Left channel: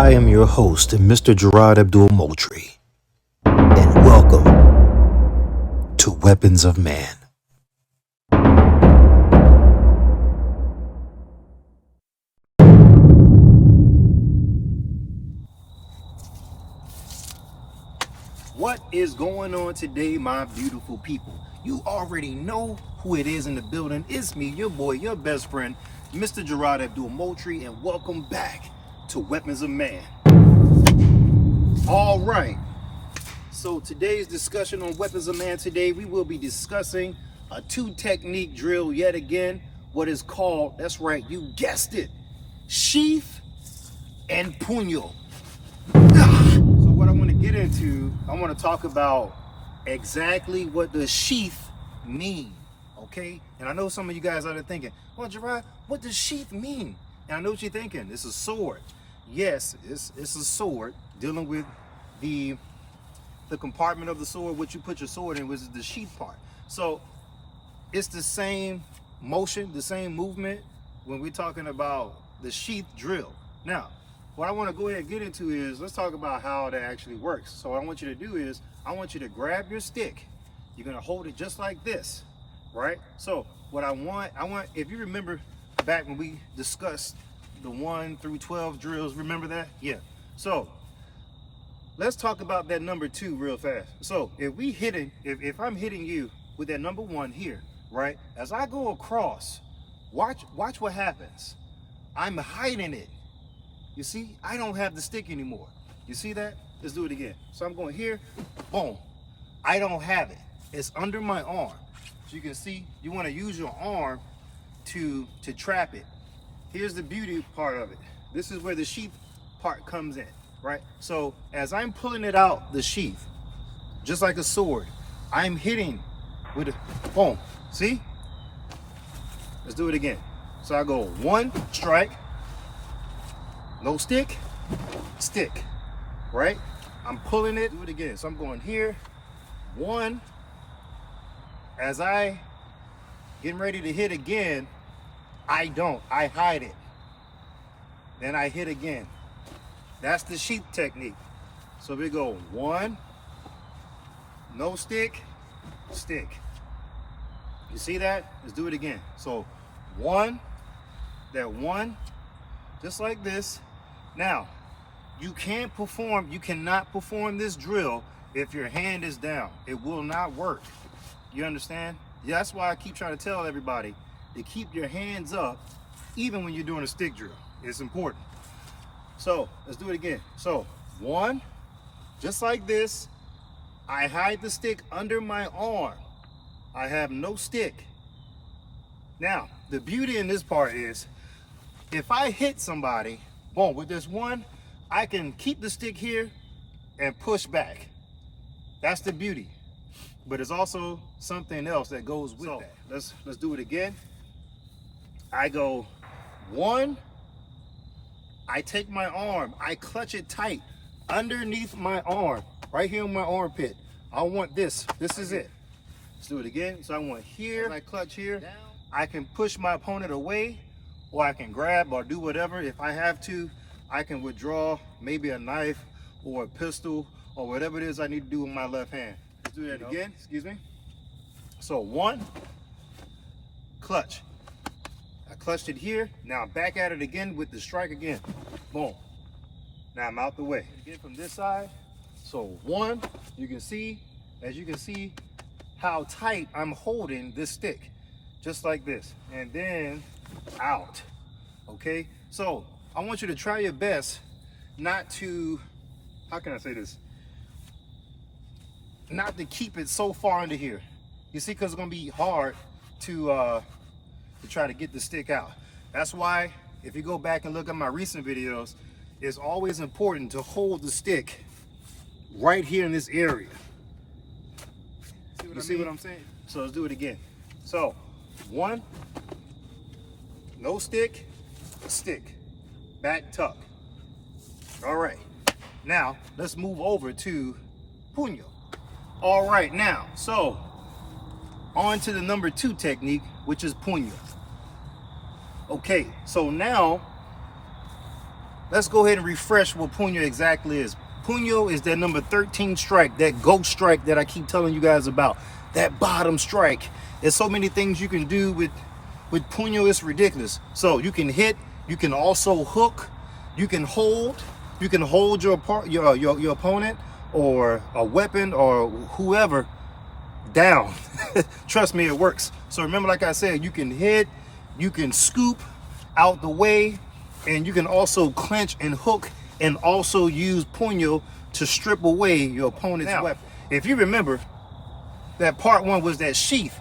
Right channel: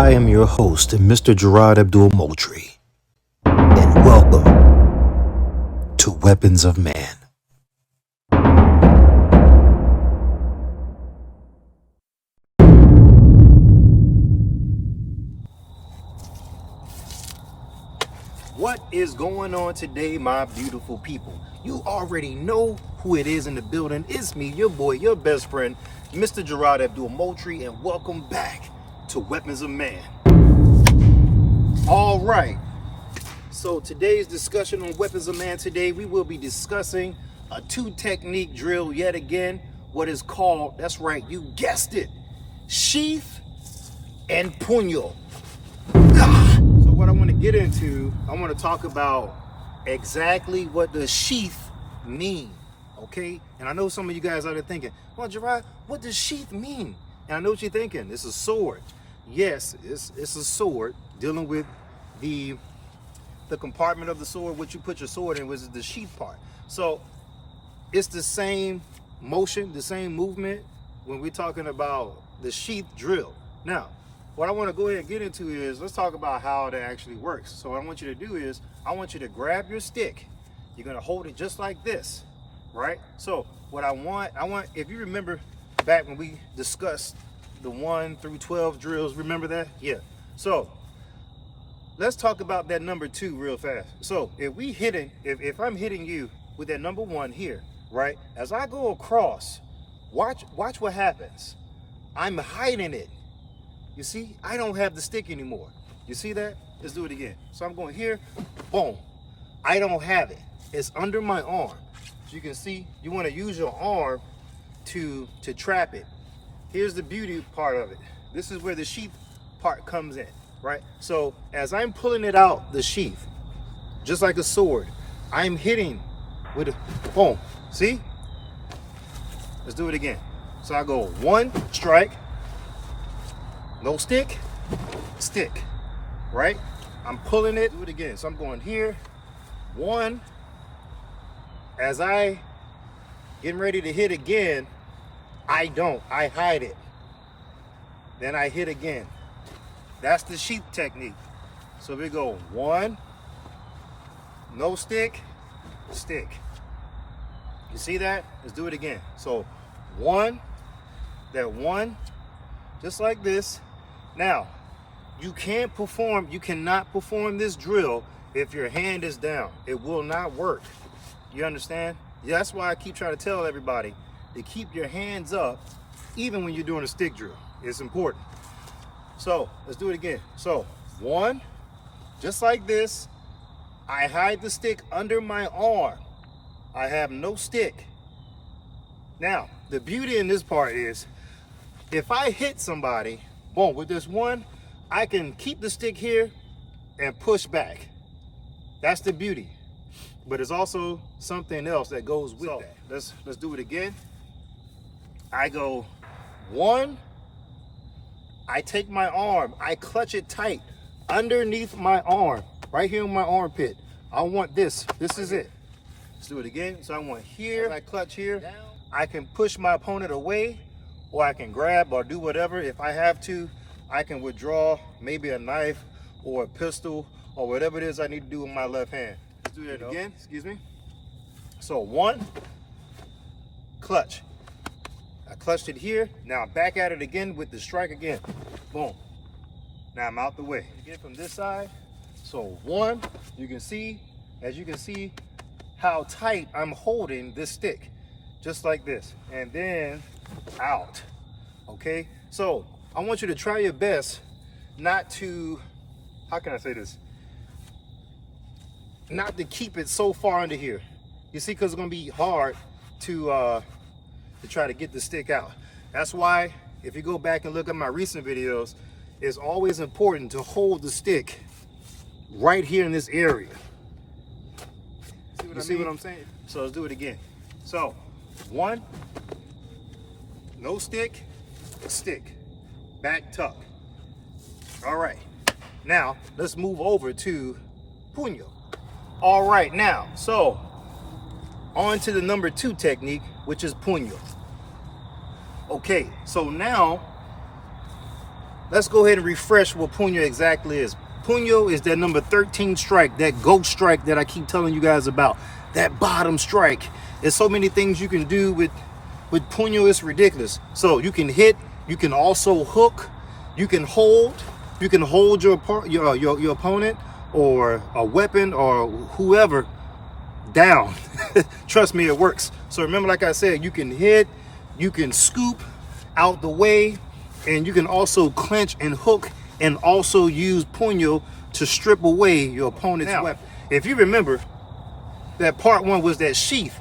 I am your host, Mr. Gerard Abdul Moultrie, and welcome to Weapons of Man. What is going on today, my beautiful people? You already know who it is in the building. It's me, your boy, your best friend, Mr. Gerard Abdul Moultrie, and welcome back to Weapons of Man. All right, so today's discussion on Weapons of Man today, we will be discussing a two-technique drill yet again, what is called, that's right, you guessed it, sheath and punyo. So what I want to get into, I want to talk about exactly what the sheath mean, okay? And I know some of you guys out there thinking, well, Gerard, what does sheath mean? And I know what you're thinking, it's a sword. Yes, it's a sword dealing with the compartment of the sword, what you put your sword in, which is the sheath part. So it's the same motion, the same movement when we're talking about the sheath drill. Now, what I want to go ahead and get into is, let's talk about how that actually works. So what I want you to do is, I want you to grab your stick. You're going to hold it just like this, right? So what I want, if you remember back when we discussed the 1 through 12 drills, remember that? Yeah. So let's talk about that number 2 real fast. So if I'm hitting you with that number 1 here, right? As I go across, watch what happens. I'm hiding it. You see, I don't have the stick anymore. You see that? Let's do it again. So I'm going here, boom. I don't have it. It's under my arm. So you can see, you want to use your arm to trap it. Here's the beauty part of it. This is where the sheath part comes in, right? So as I'm pulling it out, the sheath, just like a sword, I'm hitting with a boom. See? Let's do it again. So I go 1 strike, no stick, stick, right? I'm pulling it, do it again. So I'm going here, 1. As I getting ready to hit again, I hide it. Then I hit again. That's the sheath technique. So we go 1, no stick, stick. You see that? Let's do it again. So 1, that 1, just like this. Now, you cannot perform this drill if your hand is down. It will not work. You understand? That's why I keep trying to tell everybody to keep your hands up even when you're doing a stick drill. It's important. So let's do it again. So 1, just like this. I hide the stick under my arm. I have no stick. Now, the beauty in this part is, if I hit somebody, boom, with this 1, I can keep the stick here and push back. That's the beauty. But there's also something else that goes with that. Let's do it again. I go 1, I take my arm, I clutch it tight underneath my arm, right here in my armpit. I want this. This is it. Let's do it again. So I want here, as I clutch here, I can push my opponent away, or I can grab or do whatever. If I have to, I can withdraw maybe a knife or a pistol or whatever it is I need to do with my left hand. Let's do that again. Excuse me. So 1, clutch. I clutched it here. Now I'm back at it again with the strike again. Boom. Now I'm out the way. Again from this side. So 1, you can see, as you can see, how tight I'm holding this stick. Just like this. And then out. Okay? So I want you to try your best not to, how can I say this? Not to keep it so far under here. You see, because it's going to be hard to try to get the stick out. That's why, if you go back and look at my recent videos, it's always important to hold the stick right here in this area. See what I'm saying? So let's do it again. So 1, no stick, stick, back tuck. All right, now let's move over to punyo. All right, now, so on to the number 2 technique, which is punyo. Okay, so now let's go ahead and refresh what Punyo exactly is. Punyo is that number 13 strike, that ghost strike that I keep telling you guys about. That bottom strike. There's so many things you can do with Punyo, it's ridiculous. So you can hit, you can also hook, you can hold your opponent or a weapon or whoever down. Trust me, it works. So remember, like I said, you can hit, you can scoop out the way, and you can also clench and hook and also use Punyo to strip away your opponent's weapon. If you remember, that part one was that sheath,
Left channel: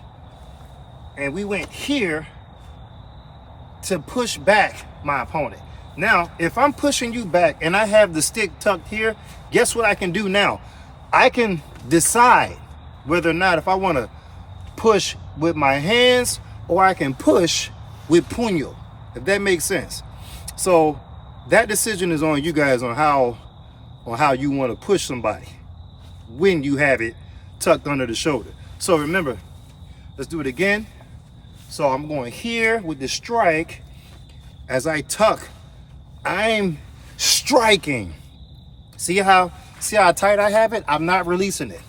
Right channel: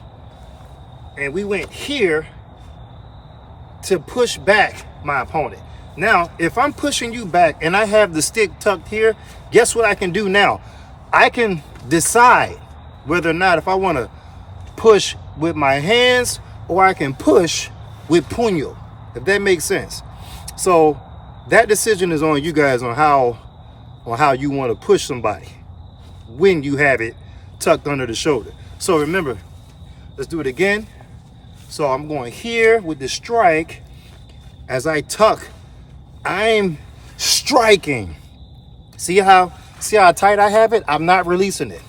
and we went here to push back my opponent. Now, if I'm pushing you back and I have the stick tucked here, guess what I can do now? I can decide whether or not if I want to push with my hands or I can push with Punyo, if that makes sense. So that decision is on you guys on how you want to push somebody when you have it tucked under the shoulder. So remember, let's do it again. So I'm going here with the strike. As I tuck, I'm striking. See how tight I have it? I'm not releasing it.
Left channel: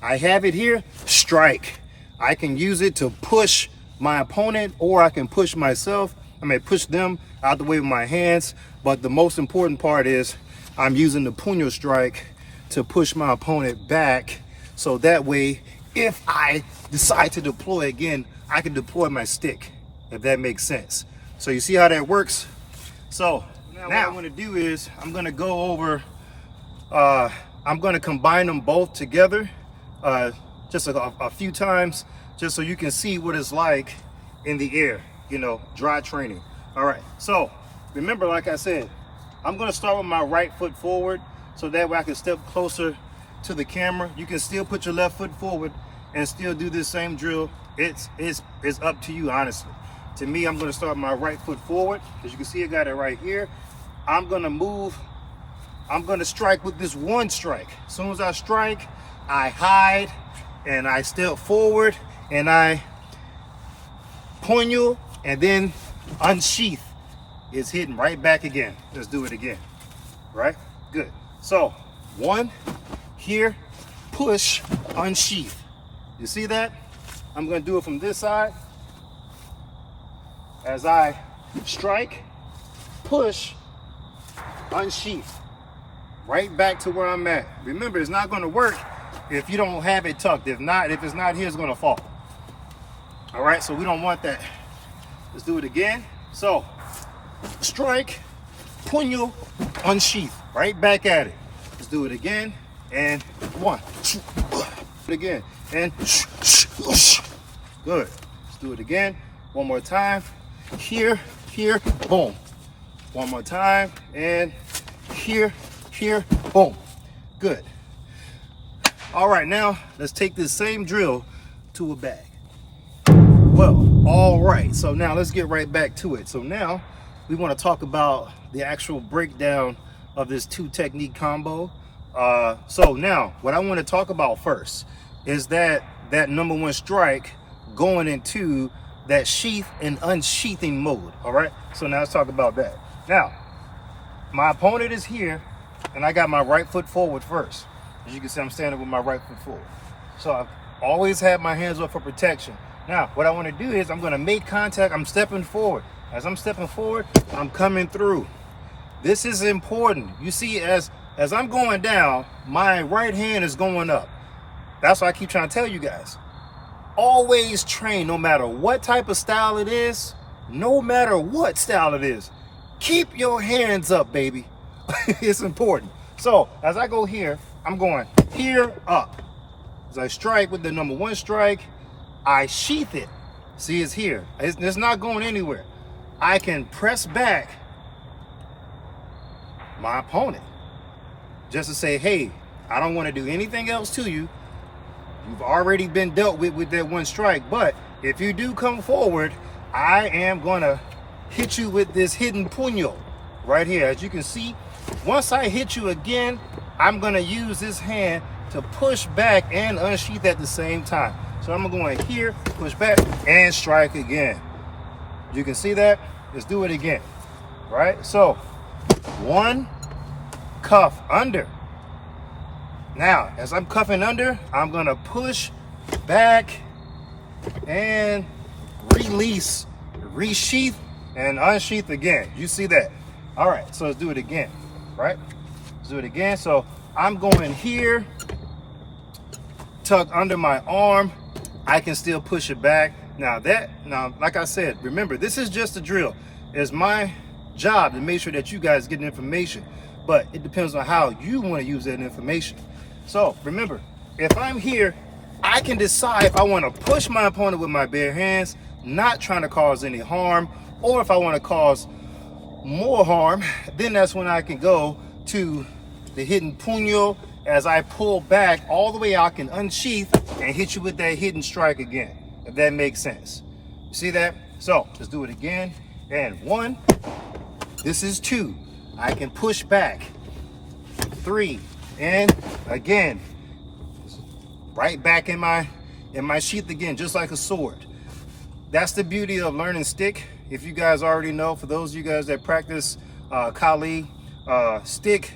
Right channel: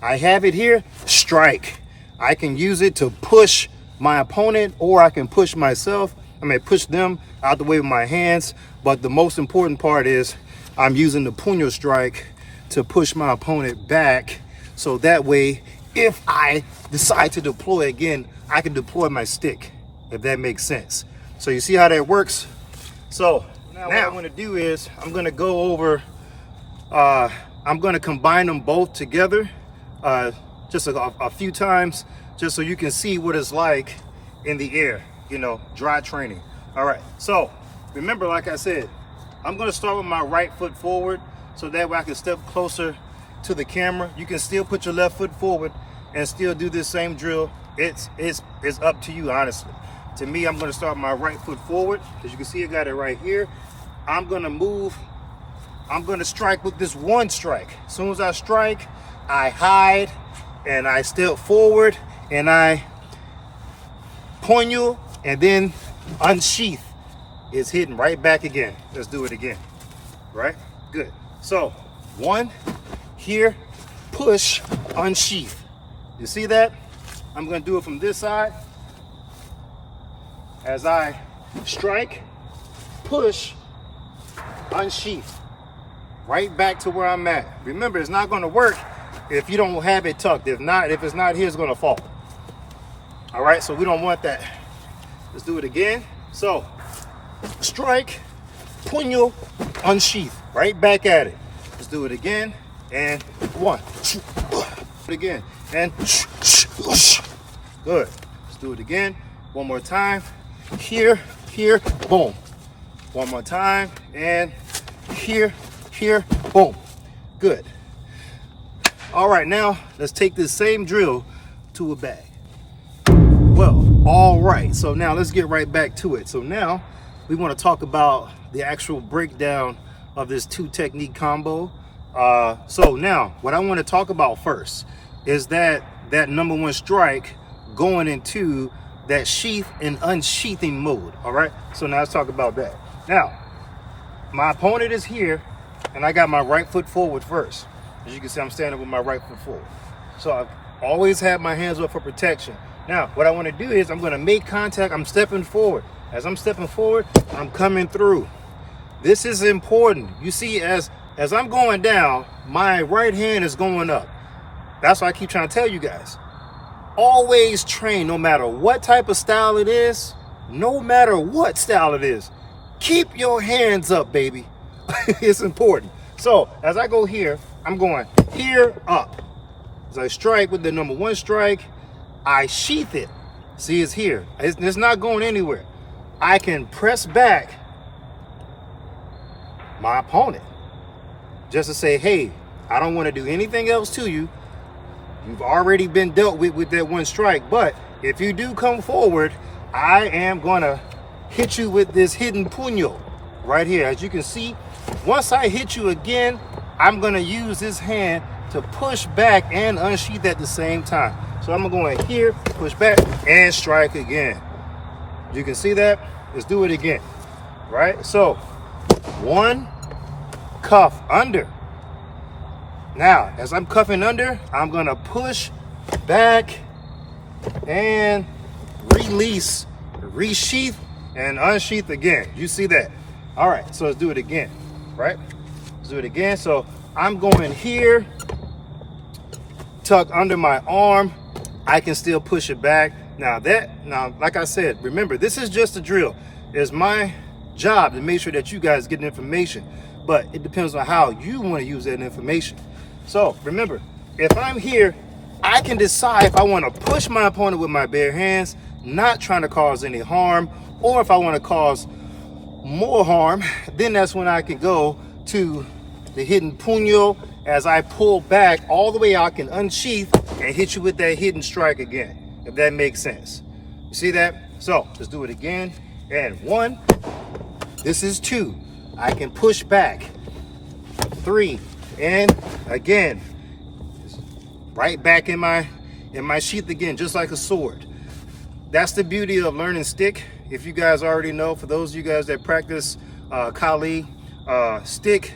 I have it here, strike. I can use it to push my opponent, or I can push myself. I may push them out the way with my hands, but the most important part is I'm using the Punyo strike to push my opponent back. So that way, if I decide to deploy again, I can deploy my stick, if that makes sense. So you see how that works? So now what I'm gonna do is I'm gonna go over, I'm gonna combine them both together just a few times, just so you can see what it's like in the air, you know, dry training. All right, so remember, like I said, I'm gonna start with my right foot forward so that way I can step closer to the camera. You can still put your left foot forward and still do this same drill. It's up to you, honestly. To me, I'm gonna start my right foot forward. As you can see, I got it right here. I'm gonna move, I'm gonna strike with this one strike. As soon as I strike, I hide and I step forward and I Punyo and then unsheath is hitting right back again. Let's do it again. Right? Good. So one here, push, unsheath. You see that? I'm gonna do it from this side. As I strike, push, unsheath. Right back to where I'm at. Remember, it's not gonna work if you don't have it tucked. If it's not here, it's gonna fall. All right, so we don't want that. Let's do it again. So, strike, Punyo, unsheath. Right back at it. Let's do it again. And one, again, and good. Let's do it again. One more time. Here, boom. One more time, and here, boom. Good. All right, now let's take this same drill to a bag. Well, all right, so now let's get right back to it. So now we want to talk about the actual breakdown of this two technique combo. So now what I want to talk about first is that number one strike going into that sheath and unsheathing mode. All right, so now let's talk about that. Now my opponent is here and I got my right foot forward first. As you can see, I'm standing with my right foot forward, so I've always had my hands up for protection. Now what I want to do is I'm going to make contact. I'm stepping forward. As I'm stepping forward, I'm coming through. This is important. You see, as I'm going down, my right hand is going up. That's why I keep trying to tell you guys, always train, no matter what type of style it is, no matter what style it is, keep your hands up, baby. It's important. So as I go here, I'm going here, up. As I strike with the number one strike, I sheath it. See, it's here. It's not going anywhere. I can press back my opponent just to say, hey, I don't want to do anything else to you. You've already been dealt with that one strike. But if you do come forward, I am going to hit you with this hidden Punyo right here. As you can see, once I hit you again, I'm going to use this hand to push back and unsheath at the same time. So I'm going to go in here, push back, and strike again. You can see that. Let's do it again. Right? So 1, cuff under. Now, as I'm cuffing under, I'm gonna push back and release, resheath and unsheath again. You see that? All right, so let's do it again, right? Let's do it again. So I'm going here, tuck under my arm. I can still push it back. Now, like I said, remember, this is just a drill. It's my job to make sure that you guys get information, but it depends on how you want to use that information. So remember, if I'm here, I can decide if I want to push my opponent with my bare hands, not trying to cause any harm, or if I want to cause more harm, then that's when I can go to the hidden punyo. As I pull back all the way, I can unsheath and hit you with that hidden strike again, if that makes sense. You see that? So let's do it again. And 1, this is 2. I can push back. 3, and again, right back in my sheath again, just like a sword. That's the beauty of learning stick. If you guys already know, for those of you guys that practice Kali, stick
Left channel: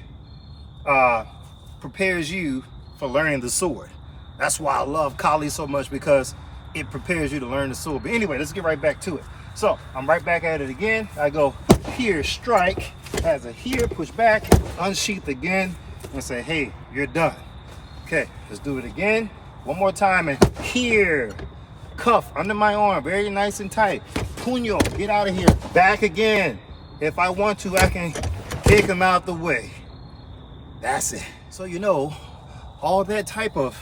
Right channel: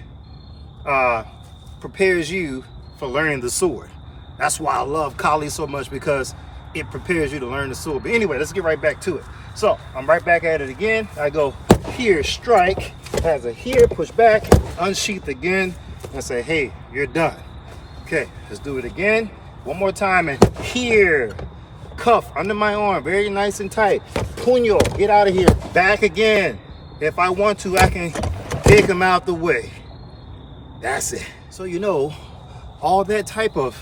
prepares you for learning the sword. That's why I love Kali so much, because it prepares you to learn the sword. But anyway, let's get right back to it. So I'm right back at it again. I go here, strike, has a here, push back, unsheath again, and say, hey, you're done. Okay, let's do it again. One more time, and here, cuff under my arm, very nice and tight. Punyo, get out of here, back again. If I want to, I can kick him out the way. That's it. So you know, all that type of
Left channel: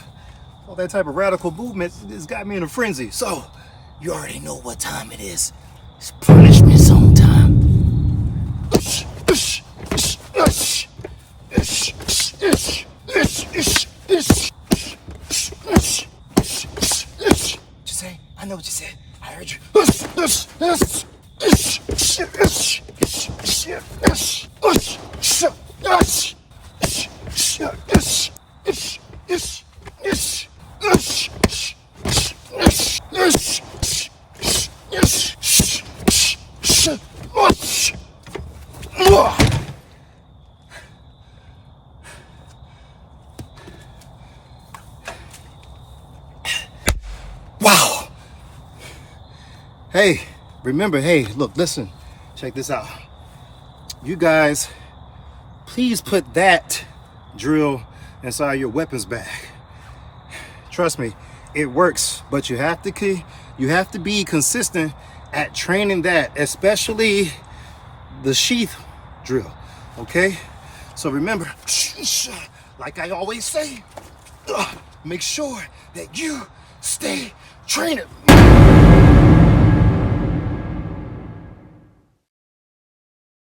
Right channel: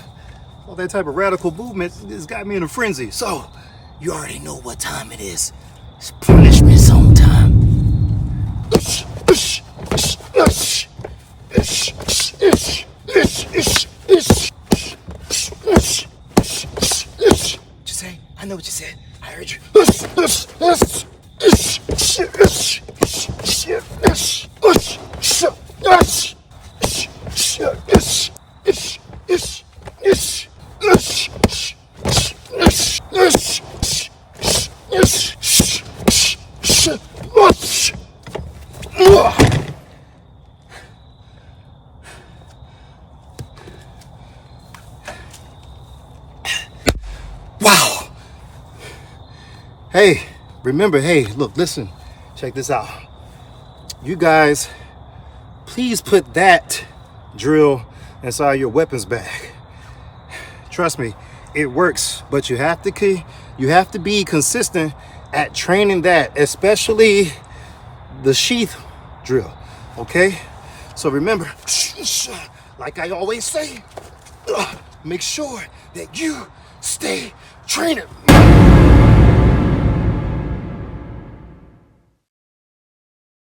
radical movement has got me in a frenzy. So you already know what time it is. It's punishment zone time. Just say, I know what you said. I heard you. Wow. Hey, remember, hey, look, listen, check this out. You guys, please put that drill inside your weapons bag. Trust me, it works, but you have to be consistent at training that, especially the sheath drill, okay? So remember, like I always say, make sure that you stay training.